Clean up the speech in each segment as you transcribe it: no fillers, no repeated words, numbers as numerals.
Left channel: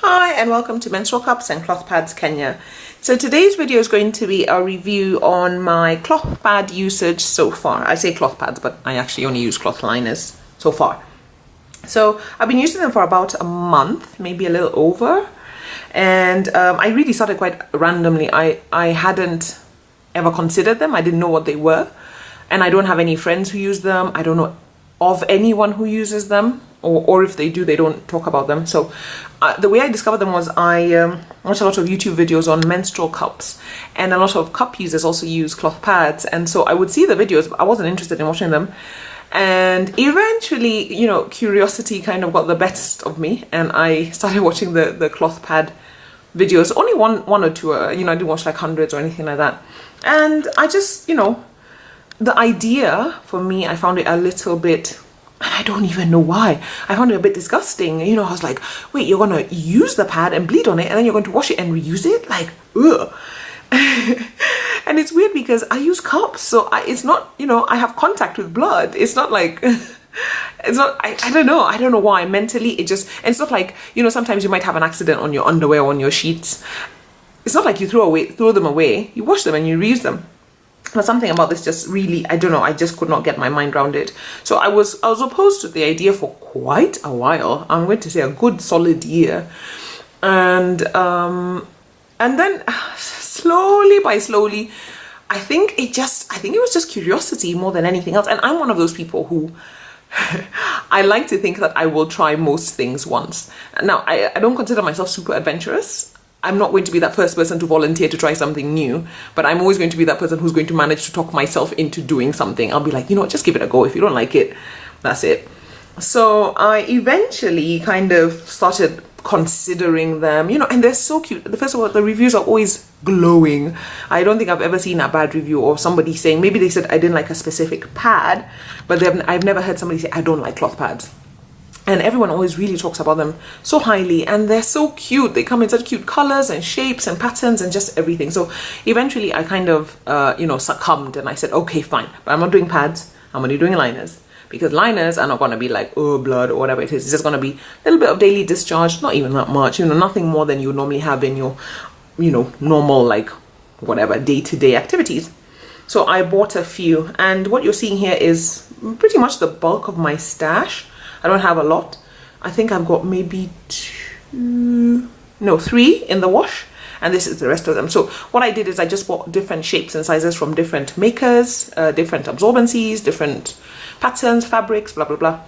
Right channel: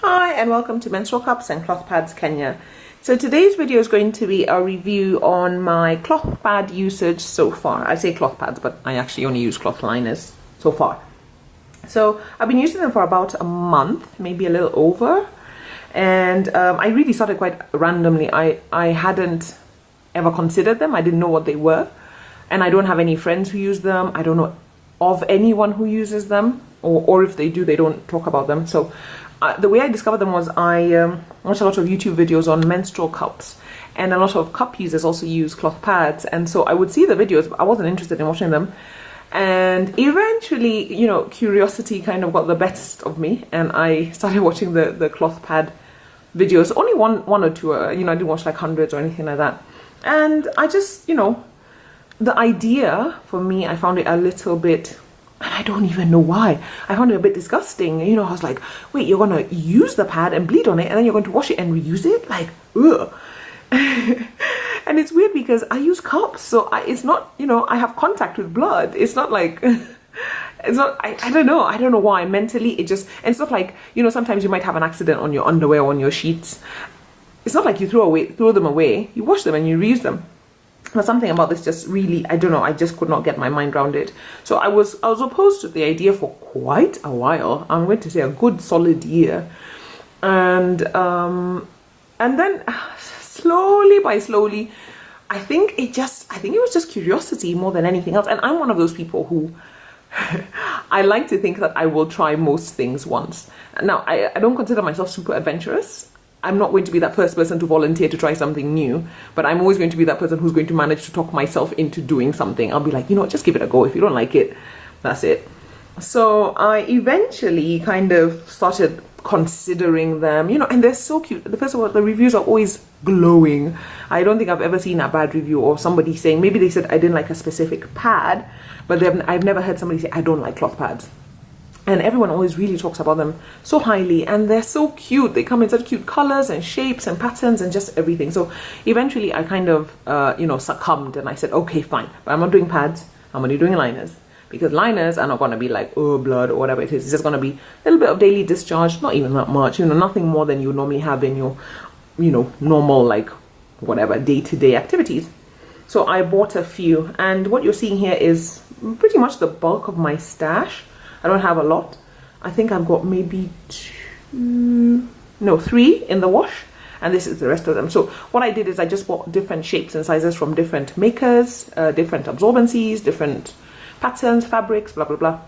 Hi and welcome to Menstrual Cups and Cloth Pads Kenya. So today's video is going to be a review on my cloth pad usage so far. I say cloth pads, but I actually only use cloth liners so far. So I've been using them for about a month, maybe a little over. And I really started quite randomly. I hadn't ever considered them. I didn't know what they were. And I don't have any friends who use them. I don't know of anyone who uses them. Or if they do, they don't talk about them. So the way I discovered them was I watched a lot of YouTube videos on menstrual cups, and a lot of cup users also use cloth pads. And so I would see the videos, but I wasn't interested in watching them. And eventually, curiosity kind of got the best of me, and I started watching the cloth pad videos. Only one or two, I didn't watch like hundreds or anything like that. And I just, the idea for me, I found it a little bit, and I don't even know why. I found it a bit disgusting. I was like, wait, you're going to use the pad and bleed on it, and then you're going to wash it and reuse it? Like, ugh. And it's weird because I use cups, so it's not, I have contact with blood. It's not like, it's not, I don't know. I don't know why. Mentally, and it's not like, sometimes you might have an accident on your underwear or on your sheets. It's not like you throw them away. You wash them and you reuse them. But something about this just really, I don't know, I just could not get my mind around it. So I was opposed to the idea for quite a while. I'm going to say a good solid year. And then slowly, I think it was just curiosity more than anything else. And I'm one of those people who I like to think that I will try most things once. Now, I don't consider myself super adventurous. I'm not going to be that first person to volunteer to try something new, but I'm always going to be that person who's going to manage to talk myself into doing something. I'll be like, just give it a go. If you don't like it, that's it. So I eventually kind of started considering them, and they're so cute. First of all, the reviews are always glowing. I don't think I've ever seen a bad review or somebody saying, maybe they said I didn't like a specific pad, but I've never heard somebody say, I don't like cloth pads. And everyone always really talks about them so highly, and they're so cute. They come in such cute colors and shapes and patterns and just everything. So eventually I kind of, succumbed, and I said, okay, fine, but I'm not doing pads. I'm only doing liners, because liners are not going to be like, oh, blood or whatever it is. It's just going to be a little bit of daily discharge, not even that much, nothing more than you normally have in your, normal, like, whatever, day-to-day activities. So I bought a few, and what you're seeing here is pretty much the bulk of my stash. I don't have a lot. I think I've got maybe 3 in the wash, and this is the rest of them. So what I did is I just bought different shapes and sizes from different makers, different absorbencies, different patterns, fabrics, blah, blah, blah.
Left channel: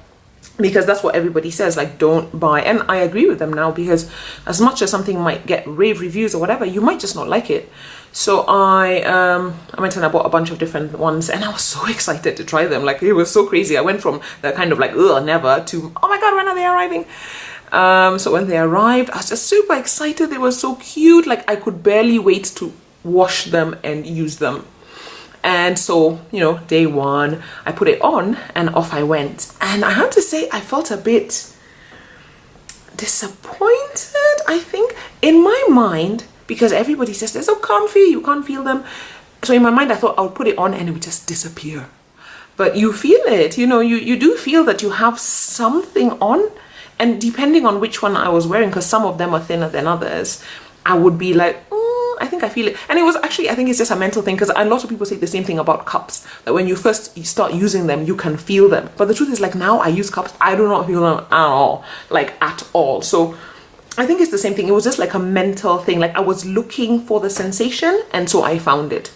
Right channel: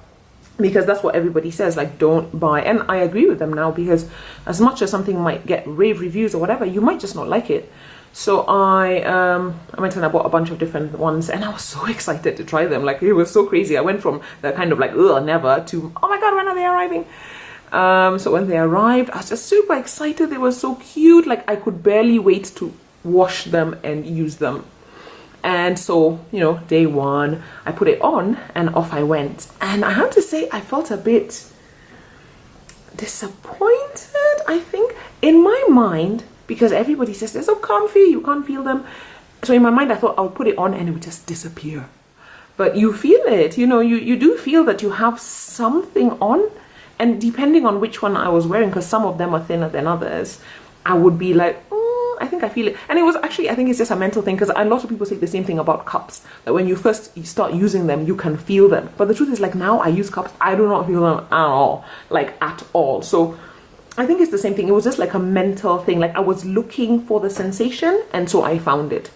Because that's what everybody says, like, don't buy. And I agree with them now, because as much as something might get rave reviews or whatever, you might just not like it. So I went and I bought a bunch of different ones, and I was so excited to try them. Like, it was so crazy. I went from the kind of like, ugh, never, to, oh my God, when are they arriving? So when they arrived, I was just super excited. They were so cute. Like, I could barely wait to wash them and use them. And so, day one, I put it on and off I went. And I have to say, I felt a bit disappointed, I think, in my mind, because everybody says they're so comfy, you can't feel them. So in my mind, I thought I would put it on and it would just disappear. But you feel it, you do feel that you have something on. And depending on which one I was wearing, because some of them are thinner than others, I would be like, I think I feel it. And it was actually, I think it's just a mental thing, because a lot of people say the same thing about cups, that when you start using them, you can feel them. But the truth is, like, now I use cups, I do not feel them at all, like, at all. So I think it's the same thing. It was just like a mental thing. Like, I was looking for the sensation, and so I found it.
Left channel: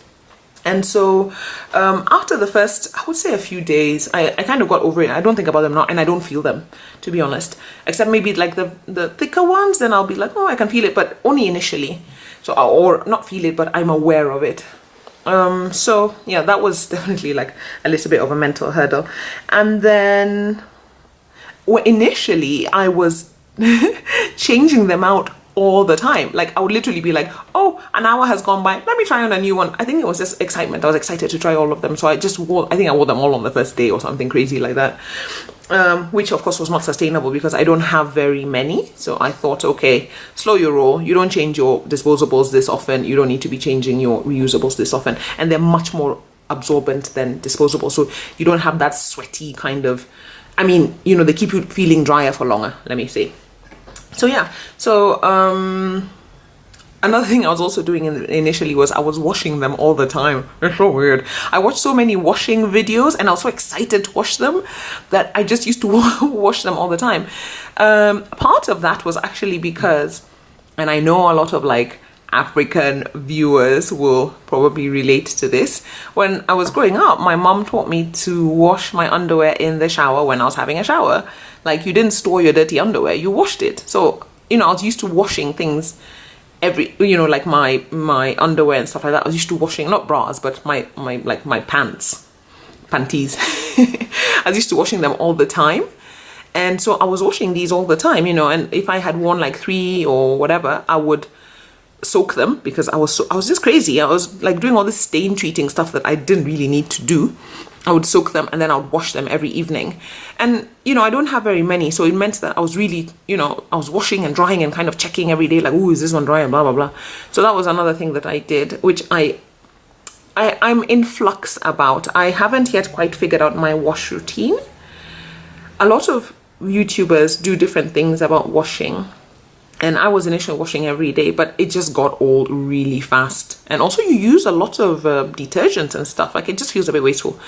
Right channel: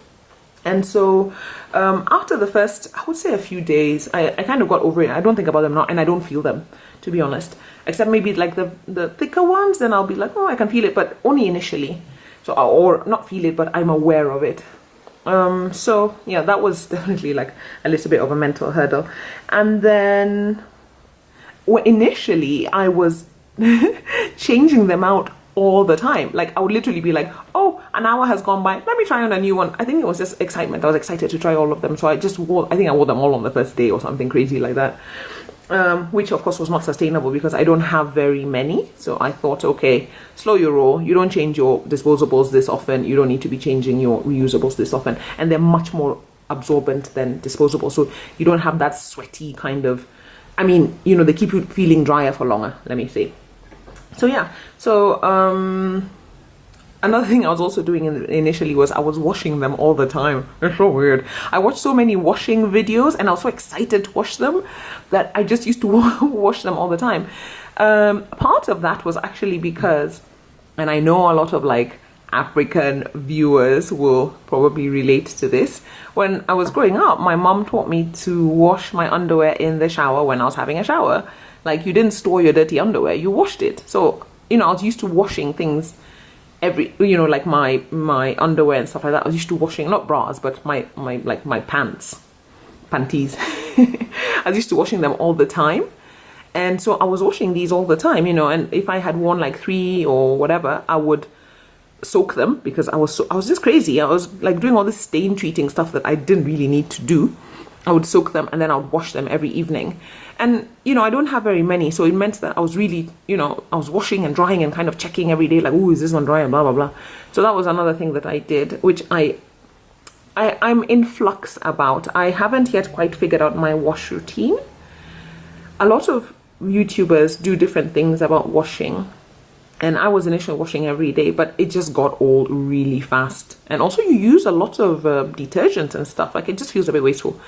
And so after the first, I would say a few days, I kind of got over it. I don't think about them now, and I don't feel them, to be honest. Except maybe like the thicker ones, then I'll be like, oh, I can feel it, but only initially. So, or not feel it, but I'm aware of it. So yeah, that was definitely like a little bit of a mental hurdle. And then initially I was changing them out all the time. Like, I would literally be like, oh, an hour has gone by, let me try on a new one. I think it was just excitement. I was excited to try all of them. So I think I wore them all on the first day or something crazy like that. Which of course was not sustainable, because I don't have very many. So I thought, okay, slow your roll. You don't change your disposables this often. You don't need to be changing your reusables this often. And they're much more absorbent than disposable. So you don't have that sweaty kind of, they keep you feeling drier for longer, let me say. So yeah, so another thing I was also doing initially was I was washing them all the time. It's so weird. I watched so many washing videos and I was so excited to wash them that I just used to wash them all the time. Part of that was actually because, and I know a lot of like African viewers will probably relate to this. When I was growing up, my mom taught me to wash my underwear in the shower when I was having a shower. Like, you didn't store your dirty underwear, you washed it. So, you know, I was used to washing things every, you know, like my underwear and stuff like that. I was used to washing, not bras, but my panties. I was used to washing them all the time. And so I was washing these all the time, you know, and if I had worn like 3 or whatever, I would soak them because I was just crazy. I was like doing all this stain treating stuff that I didn't really need to do. I would soak them and then I would wash them every evening. And, you know, I don't have very many. So it meant that I was really, you know, I was washing and drying and kind of checking every day, like, oh, is this one dry and blah, blah, blah. So that was another thing that I did, which I'm in flux about. I haven't yet quite figured out my wash routine. A lot of YouTubers do different things about washing. And I was initially washing every day, but it just got old really fast. And also you use a lot of detergent and stuff. Like, it just feels a bit wasteful.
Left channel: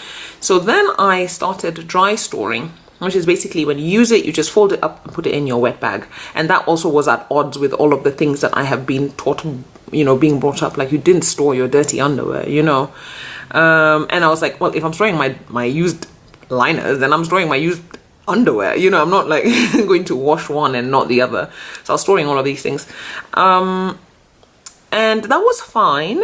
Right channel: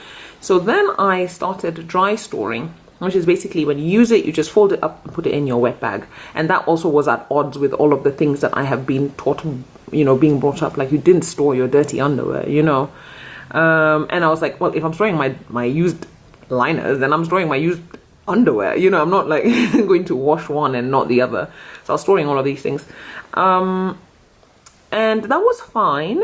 So then I started dry storing, which is basically when you use it, you just fold it up and put it in your wet bag. And that also was at odds with all of the things that I have been taught, you know, being brought up. Like, you didn't store your dirty underwear, you know. And I was like, well, if I'm storing my used liners, then I'm storing my used underwear, you know. I'm not like going to wash one and not the other. So I was storing all of these things, and that was fine,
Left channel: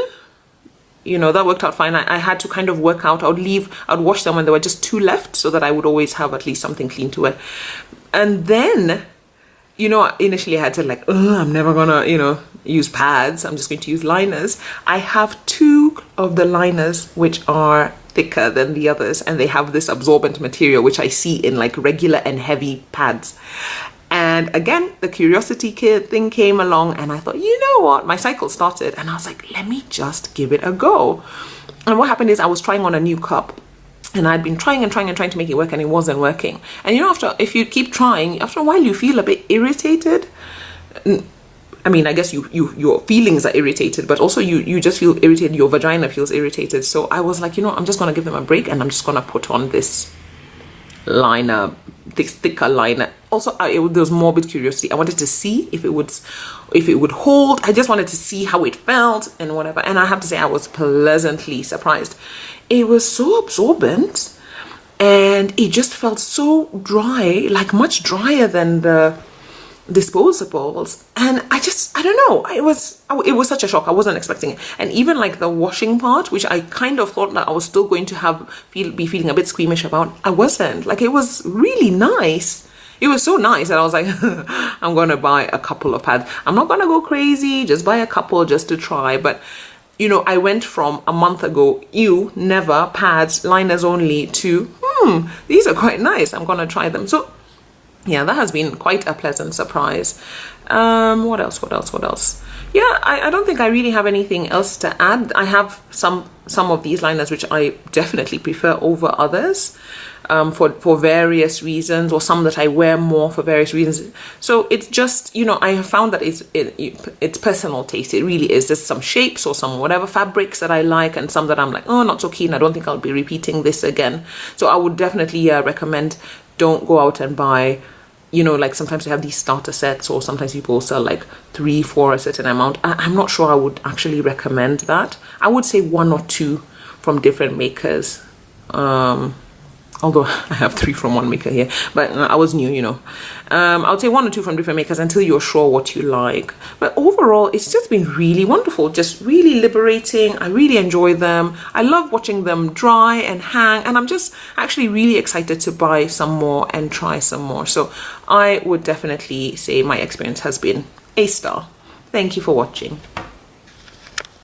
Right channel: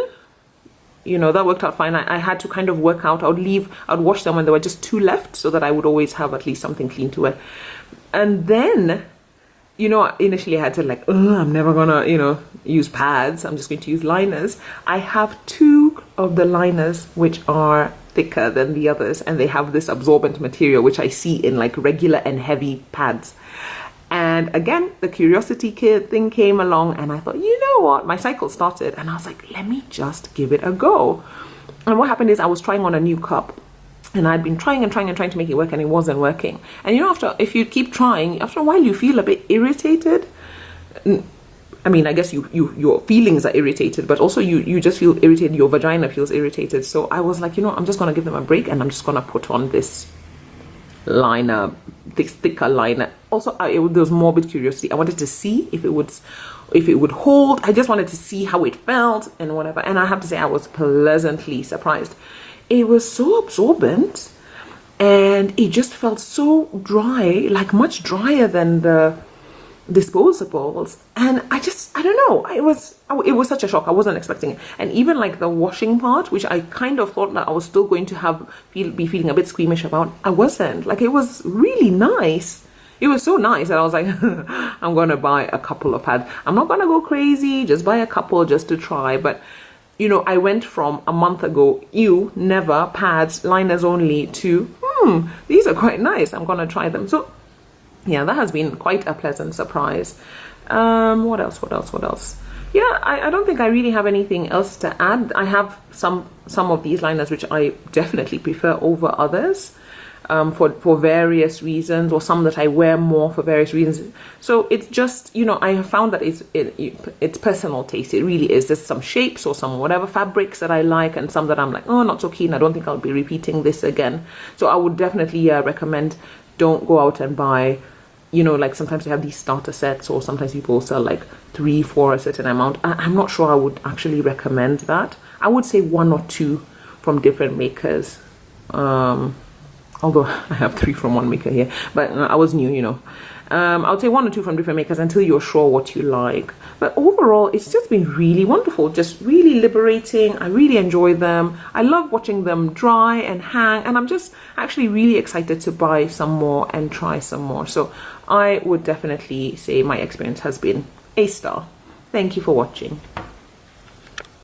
you know. That worked out fine. I had to kind of work out, I'd wash them when there were just 2 left so that I would always have at least something clean to wear. And then, you know, initially I had to like, I'm never gonna, you know, use pads, I'm just going to use liners. I have 2 of the liners which are thicker than the others, and they have this absorbent material which I see in like regular and heavy pads. And again, the curiosity thing came along, and I thought, you know what, my cycle started, and I was like, let me just give it a go. And what happened is I was trying on a new cup, and I'd been trying to make it work, and it wasn't working. And you know, if you keep trying, after a while you feel a bit irritated. I mean, I guess your feelings are irritated, but also you just feel irritated. Your vagina feels irritated. So I was like, you know, I'm just going to give them a break, and I'm just going to put on this liner, this thicker liner. Also, there was morbid curiosity. I wanted to see if it would hold. I just wanted to see how it felt and whatever. And I have to say, I was pleasantly surprised. It was so absorbent, and it just felt so dry, like much drier than the disposables. And I don't know, it was such a shock. I wasn't expecting it. And even like the washing part, which I kind of thought that I was still going to be feeling a bit squeamish about, I wasn't. Like, it was really nice. It was so nice that I was like, I'm gonna buy a couple of pads. I'm not gonna go crazy, just buy a couple just to try. But you know, I went from a month ago, never, pads, liners only, to these are quite nice, I'm gonna try them. So yeah, that has been quite a pleasant surprise. What else? Yeah, I don't think I really have anything else to add. I have some of these liners which I definitely prefer over others, for various reasons, or some that I wear more for various reasons. So it's just, you know, I have found that it's personal taste. It really is. There's some shapes or some whatever fabrics that I like, and some that I'm like, oh, not so keen. I don't think I'll be repeating this again. So I would definitely recommend, don't go out and buy, you know, like sometimes they have these starter sets, or sometimes people sell like 3, 4 a certain amount. I'm not sure I would actually recommend that. I would say 1 or 2 from different makers. Although I have 3 from one maker here, but I was new, you know. I would say 1 or 2 from different makers until you're sure what you like. But overall, it's just been really wonderful, just really liberating. I really enjoy them. I love watching them dry and hang, and I'm just actually really excited to buy some more and try some more. So I would definitely say my experience has been a star. Thank you for watching.